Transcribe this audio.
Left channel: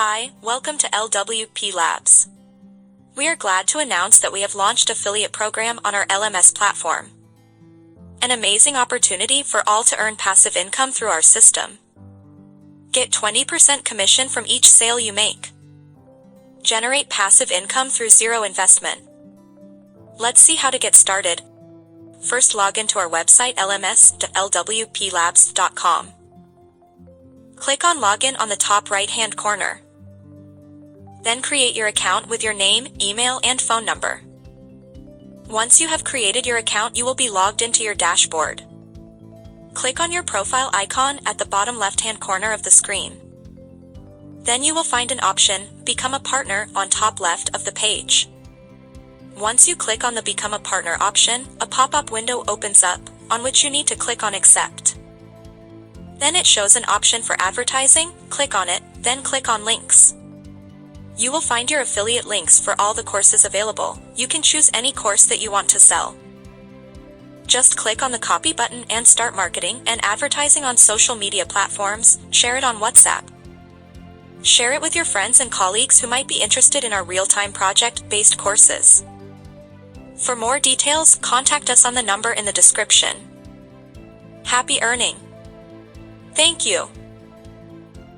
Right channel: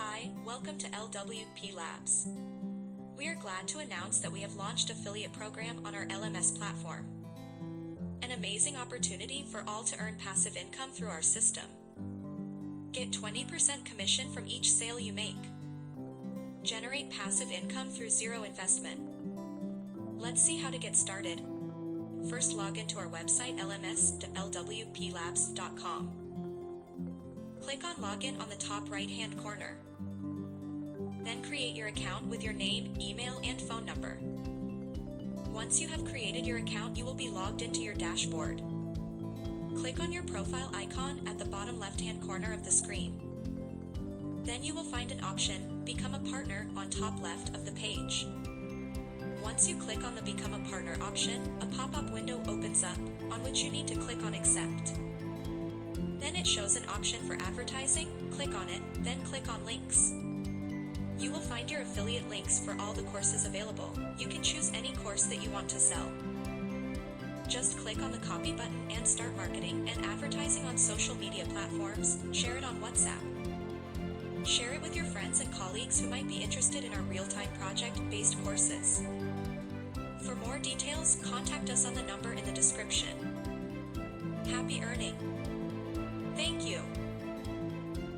Hi, welcome to LWPLABS. We are glad to announce that we have launched affiliate program on our LMS platform. An amazing opportunity for all to earn passive income through our system. Get 20% commission from each sale you make. Generate passive income through zero investment. Let's see how to get started. First, log into our website lms.lwplabs.com. Click on Login on the top right-hand corner. Then create your account with your name, email, and phone number. Once you have created your account, you will be logged into your dashboard. Click on your profile icon at the bottom left-hand corner of the screen. Then you will find an option, Become a Partner, on top left of the page. Once you click on the Become a Partner option, a pop-up window opens up, on which you need to click on Accept. Then it shows an option for advertising, click on it, then click on Links. You will find your affiliate links for all the courses available. You can choose any course that you want to sell. Just click on the copy button and start marketing and advertising on social media platforms. Share it on WhatsApp. Share it with your friends and colleagues who might be interested in our real-time project-based courses. For more details, contact us on the number in the description. Happy earning! Thank you.